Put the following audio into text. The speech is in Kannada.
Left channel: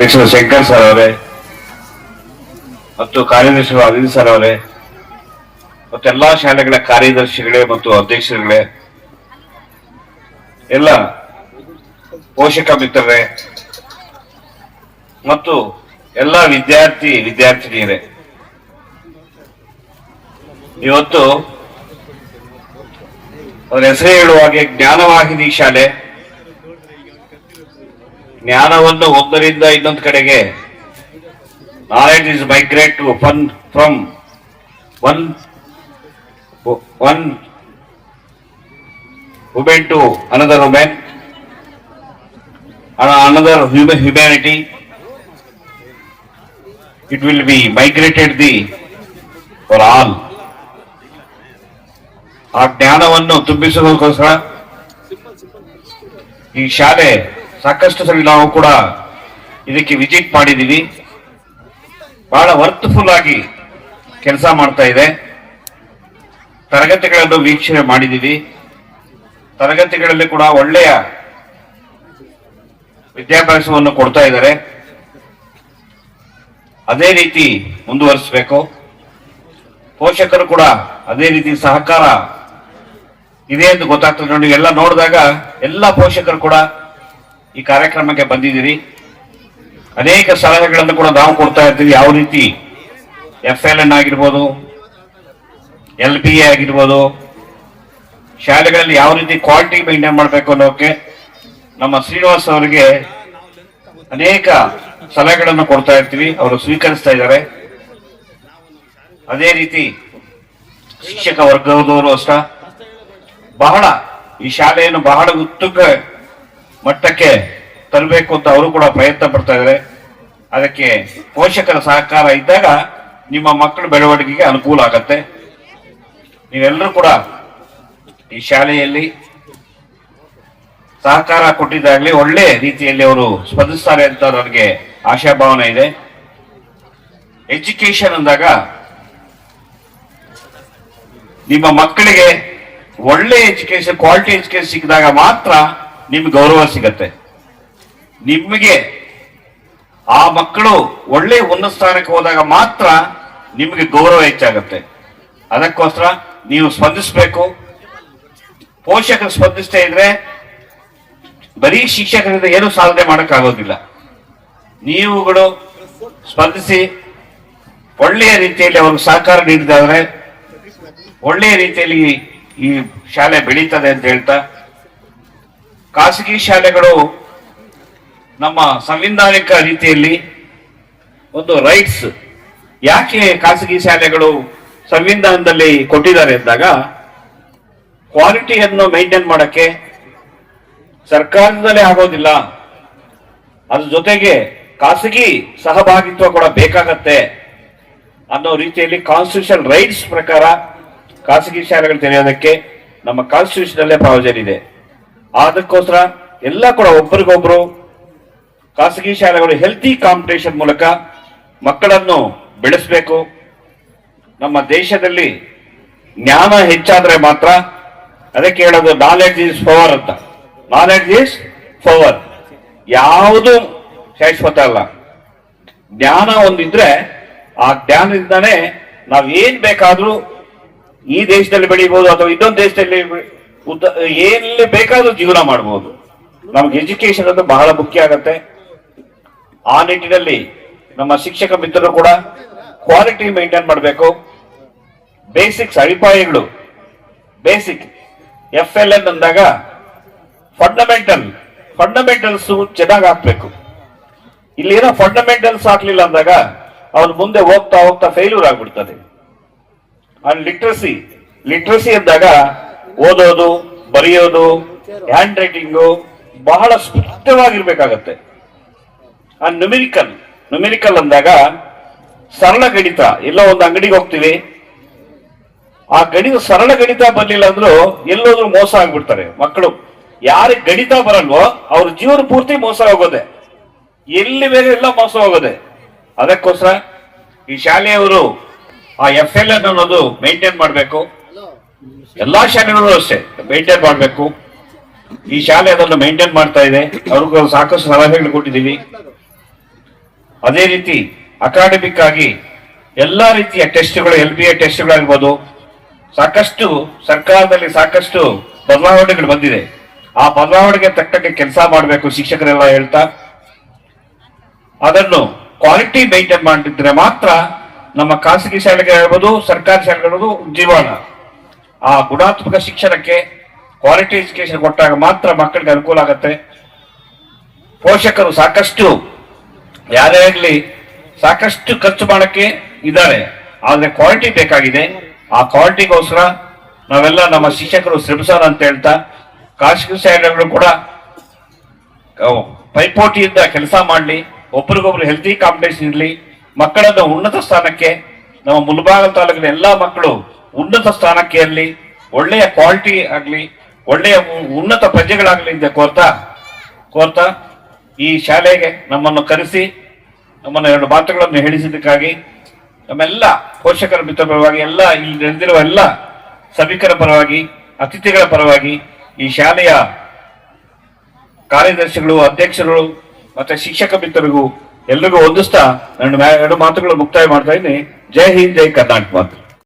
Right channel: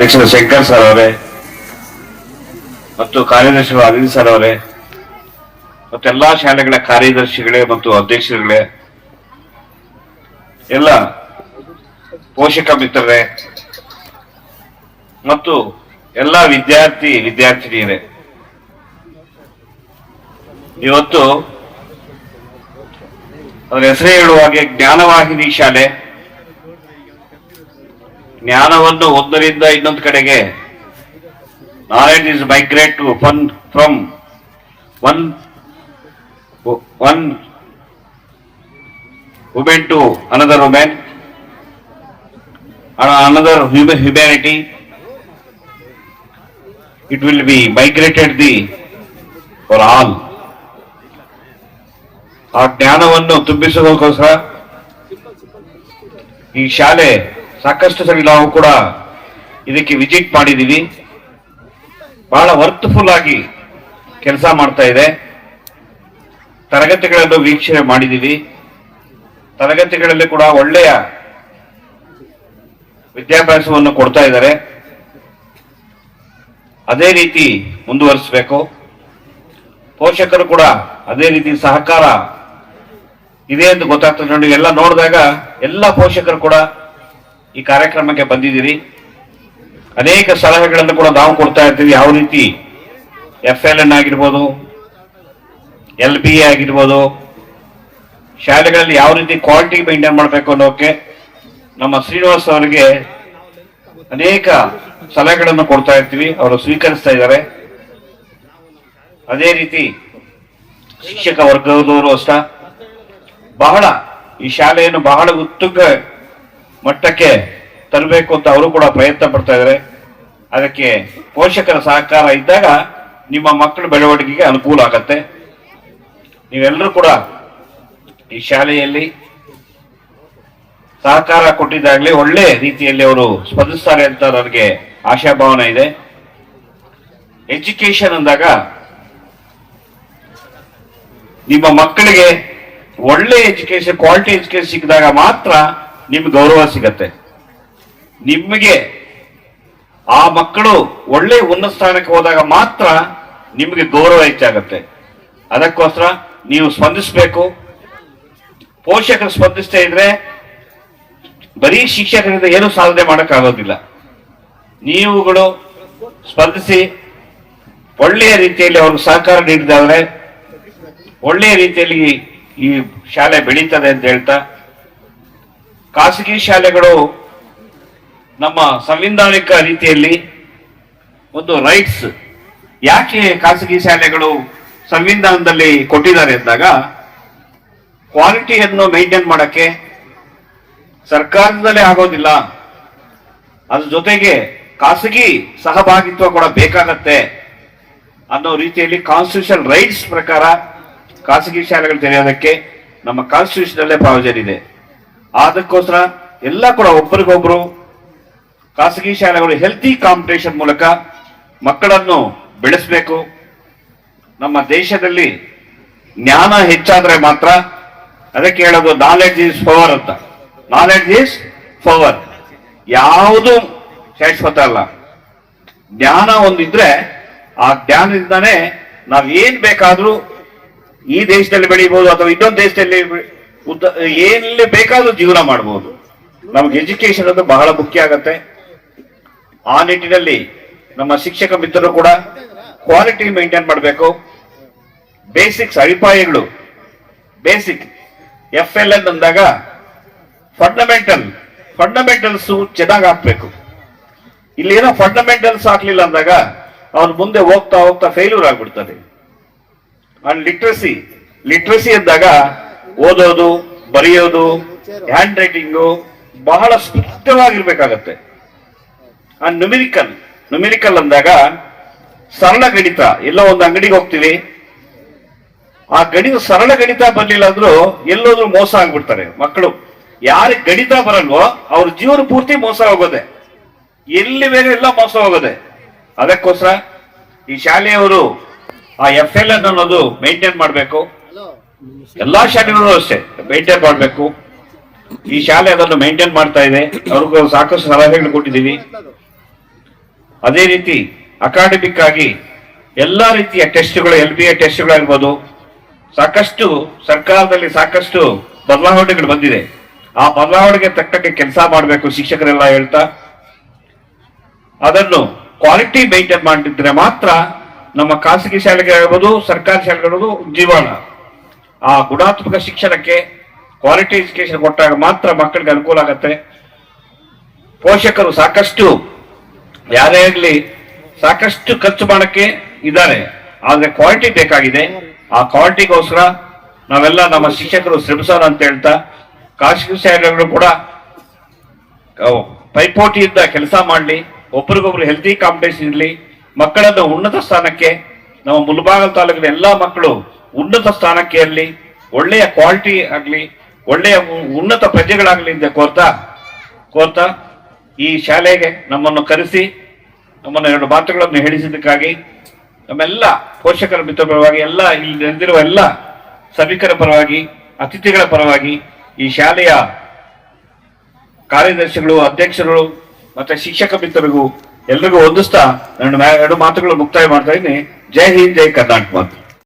ಅಧ್ಯಕ್ಷರು ಶಂಕರ್ ಸರ್ ಅವರೇ ಮತ್ತು ಕಾರ್ಯದರ್ಶಿಗಳು ಅನಿಲ್ ಸರ್ ಅವರೇ ಮತ್ತು ಎಲ್ಲಾ ಶಾಲೆಗಳ ಕಾರ್ಯದರ್ಶಿಗಳೇ ಮತ್ತು ಅಧ್ಯಕ್ಷರುಗಳೇ, ಎಲ್ಲ ಪೋಷಕ ಮಿತ್ರರೇ ಮತ್ತು ಎಲ್ಲ ವಿದ್ಯಾರ್ಥಿನಿಯರೇ, ಇವತ್ತು ಅದರ ಹೆಸರೇ ಹೇಳುವ ಹಾಗೆ ಜ್ಞಾನವಾಹಿನಿ ಶಾಲೆ ಜ್ಞಾನವನ್ನು ಒಂದರಿಂದ ಇನ್ನೊಂದು ಕಡೆಗೆ, knowledge is migrate to from one woman to another woman, another humanity. It will be migrated for all. ಆ ಜ್ಞಾನವನ್ನು ತುಂಬಿಸೋದಕ್ಕೋಸ್ಕರ ಈ ಶಾಲೆ ಸಾಕಷ್ಟು ಸರಿ ನಾವು ಕೂಡ ಇದಕ್ಕೆ ವಿಸಿಟ್ ಮಾಡಿದೀವಿ. ಬಹಳ ವರ್ತ್ಫುಲ್ ಆಗಿ ಕೆಲಸ ಮಾಡ್ತಾ ಇದೆ. ತರಗತಿಗಳನ್ನು ವೀಕ್ಷಣೆ ಮಾಡಿದೀವಿ. ತರಗತಿಗಳಲ್ಲಿ ಕೂಡ ಒಳ್ಳೆಯ ವಿದ್ಯಾಭ್ಯಾಸವನ್ನು ಕೊಡ್ತಾ ಇದ್ದಾರೆ. ಅದೇ ರೀತಿ ಮುಂದುವರಿಸಬೇಕು. ಪೋಷಕರು ಕೂಡ ಅದೇ ರೀತಿ ಸಹಕಾರ ಇದೆ ಎಂದು ಗೊತ್ತಾಗ್ತದೆ. ನೋಡಿ, ಎಲ್ಲ ನೋಡಿದಾಗ ಎಲ್ಲ ಪೋಷಕರು ಕೂಡ ಈ ಕಾರ್ಯಕ್ರಮಕ್ಕೆ ಬಂದಿದ್ದೀರಿ. ಅನೇಕ ಸಲಹೆಗಳನ್ನು ಕೂಡ ನಾವು ಕೊಡ್ತಾ ಇರ್ತೀವಿ. ಯಾವ ರೀತಿ FLN ಆಗಿರ್ಬೋದು, LPA ಆಗಿರ್ಬೋದು, ಶಾಲೆಗಳಲ್ಲಿ ಯಾವ ರೀತಿ ಕ್ವಾಲಿಟಿ ಮೇಂಟೈನ್ ಮಾಡಬೇಕು ಅನ್ನೋಕೆ ನಮ್ಮ ಶ್ರೀನಿವಾಸ್ ಅವರಿಗೆ ಅನೇಕ ಸಲಹೆಗಳನ್ನು ಕೊಡ್ತಾ ಇರ್ತೀವಿ. ಅವರು ಸ್ವೀಕರಿಸ್ತಾ ಇದ್ದಾರೆ. ಅದೇ ರೀತಿ ಶಿಕ್ಷಕ ವರ್ಗದವರು ಅಷ್ಟ ಬಹಳ ಈ ಶಾಲೆಯನ್ನು ಬಹಳ ಉತ್ತುಂಗ ಮಟ್ಟಕ್ಕೆ ತರಬೇಕು ಅಂತ ಅವರು ಕೂಡ ಪ್ರಯತ್ನ ಪಡ್ತಾ ಇದ್ದಾರೆ. ಅದಕ್ಕೆ ಪೋಷಕರ ಸಹಕಾರ ಇದ್ದಾಗ ನಿಮ್ಮ ಮಕ್ಕಳ ಬೆಳವಣಿಗೆಗೆ ಅನುಕೂಲ ಆಗತ್ತೆ. ನೀವೆಲ್ಲರೂ ಕೂಡ ಈ ಶಾಲೆಯಲ್ಲಿ ಸಹಕಾರ ಕೊಟ್ಟಿದ್ದಾಗಲೇ ಒಳ್ಳೆ ರೀತಿಯಲ್ಲಿ ಅವರು ಸ್ಪಂದಿಸ್ತಾರೆ ಅಂತ ನನಗೆ ಆಶಾಭಾವನೆ ಇದೆ. ಎಜುಕೇಶನ್ ಅಂದಾಗ ನಿಮ್ಮ ಮಕ್ಕಳಿಗೆ ಒಳ್ಳೆ ಎಜುಕೇಶನ್, ಕ್ವಾಲಿಟಿ ಎಜುಕೇಶನ್ ಸಿಕ್ಕಿದಾಗ ಮಾತ್ರ ನಿಮ್ಗೆ ಗೌರವ ಸಿಗತ್ತೆ. ನಿಮಗೆ ಆ ಮಕ್ಕಳು ಒಳ್ಳೆ ಉನ್ನತ ಸ್ಥಾನಕ್ಕೆ ಹೋದಾಗ ಮಾತ್ರ ನಿಮಗೆ ಗೌರವ ಹೆಚ್ಚಾಗತ್ತೆ. ಅದಕ್ಕೋಸ್ಕರ ನೀವು ಸ್ಪಂದಿಸಬೇಕು. ಪೋಷಕರು ಸ್ಪಂದಿಸ್ತಾ ಇದ್ರೆ ಬರೀ ಶಿಕ್ಷಕರಿಂದ ಏನು ಸಾಧನೆ ಮಾಡೋಕ್ಕಾಗೋದಿಲ್ಲ. ನೀವುಗಳು ಸ್ಪಂದಿಸಿ ಒಳ್ಳೆಯ ರೀತಿಯಲ್ಲಿ ಅವ್ರಿಗೆ ಸಹಕಾರ ನೀಡಿದಾದ್ರೆ ಒಳ್ಳೆಯ ರೀತಿಯಲ್ಲಿ ಈ ಶಾಲೆ ಬೆಳೀತದೆ ಅಂತ ಹೇಳ್ತಾ, ಖಾಸಗಿ ಶಾಲೆಗಳು ನಮ್ಮ ಸಂವಿಧಾನಿಕ ರೀತಿಯಲ್ಲಿ ಒಂದು ರೈಟ್ಸ್, ಯಾಕೆ ಖಾಸಗಿ ಶಾಲೆಗಳು ಸಂವಿಧಾನದಲ್ಲಿ ಕೊಟ್ಟಿದ್ದಾರೆ ಅಂದಾಗ, ಕ್ವಾಲಿಟಿಯನ್ನು ಮೇಂಟೈನ್ ಮಾಡಕ್ಕೆ ಸರ್ಕಾರದಲ್ಲೇ ಆಗೋದಿಲ್ಲ, ಅದ್ರ ಜೊತೆಗೆ ಖಾಸಗಿ ಸಹಭಾಗಿತ್ವ ಕೂಡ ಬೇಕಾಗತ್ತೆ ಅನ್ನೋ ರೀತಿಯಲ್ಲಿ ಕಾನ್ಸ್ಟಿಟ್ಯೂಷನ್ ರೈಟ್ಸ್ ಪ್ರಕಾರ ಖಾಸಗಿ ಶಾಲೆಗಳು ತೆರೆಯೋದಕ್ಕೆ ನಮ್ಮ ಕಾನ್ಸ್ಟಿಟ್ಯೂಷನ್ ಅಲ್ಲೇ ಪ್ರಾವಿಷನ್ ಇದೆ. ಅದಕ್ಕೋಸ್ಕರ ಎಲ್ಲ ಕೂಡ ಒಬ್ಬರಿಗೊಬ್ರು ಖಾಸಗಿ ಶಾಲೆಗಳು ಹೆಲ್ತಿ ಕಾಂಪಿಟೇಷನ್ ಮೂಲಕ ಮಕ್ಕಳನ್ನು ಬೆಳೆಸಬೇಕು. ನಮ್ಮ ದೇಶದಲ್ಲಿ ಜ್ಞಾನ ಹೆಚ್ಚಾದ್ರೆ ಮಾತ್ರ, ಅದಕ್ಕೆ ಹೇಳೋದು ನಾಲೆಡ್ಜ್ ಈಸ್ ಪವರ್ ಅಂತ. Knowledge is power. ಯಾವುದು ಶಾಶ್ವತ ಅಲ್ಲ. ಜ್ಞಾನ ಒಂದಿದ್ರೆ ಆ ಜ್ಞಾನದಿಂದಾನೇ ನಾವ್ ಏನ್ ಬೇಕಾದ್ರೂ ಈ ದೇಶದಲ್ಲಿ ಬೆಳೀಬಹುದು ಅಥವಾ ಇನ್ನೊಂದು ದೇಶದಲ್ಲಿ ಎಲ್ಲಿ ಬೇಕಾದ್ರೂ ಜೀವನ ಮಾಡಬಹುದು. ನಮ್ಗೆ ಎಜುಕೇಶನ್ ಅದು ಬಹಳ ಮುಖ್ಯ ಆಗತ್ತೆ. ಆ ನಿಟ್ಟಿನಲ್ಲಿ ನಮ್ಮ ಶಿಕ್ಷಕ ಮಿತ್ರರು ಕೂಡ ಕ್ವಾಲಿಟಿ ಮೇಂಟೈನ್ ಮಾಡಬೇಕು. ಬೇಸಿಕ್ಸ್, ಅಡಿಪಾಯಗಳು, ಬೇಸಿಕ್ FLN ಅಂದಾಗ ಫಂಡಮೆಂಟಲ್ಸ್ ಚೆನ್ನಾಗಿ ಹಾಕ್ಬೇಕು. ಇಲ್ಲಿ ಏನೋ ಫಂಡಮೆಂಟಲ್ಸ್ ಹಾಕ್ಲಿಲ್ಲ ಅಂದಾಗ ಅವನು ಮುಂದೆ ಹೋಗ್ತಾ ಹೋಗ್ತಾ ಫೇಲ್ಯೂರ್ ಆಗ್ಬಿಡ್ತಾನೆ. ಅಂಡ್ ಲಿಟ್ರಸಿ ಅಂದಾಗ ಓದೋದು, ಬರೆಯೋದು, ಹ್ಯಾಂಡ್ ರೈಟಿಂಗು ಬಹಳ ಸ್ಪಷ್ಟವಾಗಿರ್ಬೇಕಾಗತ್ತೆ. ಅಂಡ್ ನ್ಯೂಮಿರಿಕಲ್ ಅಂದಾಗ ಸರಳ ಗಣಿತ. ಎಲ್ಲೋ ಒಂದು ಅಂಗಡಿಗೆ ಹೋಗ್ತೀವಿ, ಆ ಸರಳ ಗಣಿತ ಬರ್ಲಿಲ್ಲ ಅಂದ್ರೂ ಎಲ್ಲೋದ್ರೂ ಮೋಸ ಆಗ್ಬಿಡ್ತಾರೆ ಮಕ್ಕಳು. ಯಾರಿಗೆ ಗಣಿತ ಬರಲ್ವೋ ಅವ್ರ ಜೀವನ ಪೂರ್ತಿ ಮೋಸ ಹೋಗೋದೆ, ಎಲ್ಲಿ ಬೇರೆ ಎಲ್ಲ ಮೋಸ ಹೋಗೋದೆ. ಅದಕ್ಕೋಸ್ಕರ ಈ ಶಾಲೆಯವರು ಆ FLN ಅನ್ನೋದು ಮೇಂಟೈನ್ ಮಾಡಬೇಕು. ಎಲ್ಲಾ ಶಾಲೆಗಳು ಅಷ್ಟೇ ಮೇಂಟೈನ್ ಮಾಡಬೇಕು. ಈ ಶಾಲೆ ಅದನ್ನು ಮೇಂಟೈನ್ ಮಾಡ್ತಾ ಇದೆ. ಅವ್ರಿಗೂ ಸಾಕಷ್ಟು ಸಲಹೆಗಳು ಕೊಟ್ಟಿದ್ದೀವಿ. ಅದೇ ರೀತಿ ಅಕಾಡೆಮಿಕ್ ಆಗಿ ಎಲ್ಲಾ ರೀತಿಯ ಟೆಸ್ಟ್ಗಳು, LBA ಟೆಸ್ಟ್ಗಳಾಗ್ಬೋದು, ಸಾಕಷ್ಟು ಸರ್ಕಾರದಲ್ಲಿ ಸಾಕಷ್ಟು ಬದಲಾವಣೆಗಳು ಬಂದಿದೆ. ಆ ಬದಲಾವಣೆಗೆ ತಕ್ಕಂತೆ ಕೆಲಸ ಮಾಡಬೇಕು ಶಿಕ್ಷಕರೆಲ್ಲ ಹೇಳ್ತಾ, ಅದನ್ನು ಕ್ವಾಲಿಟಿ ಮೇಂಟೈನ್ ಮಾಡಿದ್ರೆ ಮಾತ್ರ ನಮ್ಮ ಖಾಸಗಿ ಶಾಲೆಗಳಾಗ್ಬೋದು, ಸರ್ಕಾರಿ ಶಾಲೆಗಳು ಜೀವನ. ಆ ಗುಣಾತ್ಮಕ ಶಿಕ್ಷಣಕ್ಕೆ ಕ್ವಾಲಿಟಿ ಎಜುಕೇಶನ್ ಕೊಟ್ಟಾಗ ಮಾತ್ರ ಮಕ್ಕಳಿಗೆ ಅನುಕೂಲ ಆಗುತ್ತೆ. ಪೋಷಕರು ಸಾಕಷ್ಟು ಯಾರೇ ಆಗಲಿ ಸಾಕಷ್ಟು ಖರ್ಚು ಮಾಡಕ್ಕೆ ಇದ್ದಾರೆ, ಆದ್ರೆ ಕ್ವಾಲಿಟಿ ಬೇಕಾಗಿದೆ. ಆ ಕ್ವಾಲಿಟಿಗೋಸ್ಕರ ನಾವೆಲ್ಲ ನಮ್ಮ ಶಿಕ್ಷಕರು ಶ್ರಮಿಸೋಣ ಅಂತ ಹೇಳ್ತಾ, ಖಾಸಗಿ ಶಾಲೆಗಳು ಕೂಡ ಪೈಪೋಟಿಯಿಂದ ಕೆಲಸ ಮಾಡಲಿ, ಒಬ್ರಿಗೊಬ್ರು ಹೆಲ್ತಿ ಕಾಂಪಿಟೇಷನ್ ಇರಲಿ, ಮಕ್ಕಳನ್ನು ಉನ್ನತ ಸ್ಥಾನಕ್ಕೆ, ನಮ್ಮ ಮುಳಬಾಗಿಲು ತಾಲೂಕಿನ ಎಲ್ಲಾ ಮಕ್ಕಳು ಉನ್ನತ ಸ್ಥಾನಕ್ಕೆ ಇರಲಿ, ಒಳ್ಳೆಯ ಕ್ವಾಲಿಟಿ ಆಗಲಿ, ಒಳ್ಳೆಯ ಉನ್ನತ ಪ್ರಜೆಗಳಾಗಲಿ ಅಂತ ಕೋರ್ತಾ ಈ ಶಾಲೆಗೆ ನಮ್ಮನ್ನು ಕರೆಸಿ ನಮ್ಮನ್ನು 2 ಮಾತುಗಳನ್ನು ಹೇಳಿಸಿದ್ದಕ್ಕಾಗಿ ನಮ್ಮೆಲ್ಲ ಪೋಷಕರ ಮಿತ್ರ ಪರವಾಗಿ, ಎಲ್ಲ ಇಲ್ಲಿ ನಡೆದಿರುವ ಎಲ್ಲ ಸಭಿಕರ ಪರವಾಗಿ, ಅತಿಥಿಗಳ ಪರವಾಗಿ, ಈ ಶಾಲೆಯ ಕಾರ್ಯದರ್ಶಿಗಳು, ಅಧ್ಯಕ್ಷರು ಮತ್ತೆ ಶಿಕ್ಷಕ ಮಿತ್ರರಿಗೂ ಎಲ್ರಿಗೂ ವಂದಿಸ್ತಾ ನನ್ನ 2 ಮಾತುಗಳು ಮುಕ್ತಾಯ ಮಾಡ್ತಾ ಇದ್ದೀನಿ. ಜೈ ಹಿಂದ್, ಜೈ ಕರ್ನಾಟಕ ಮಾತು.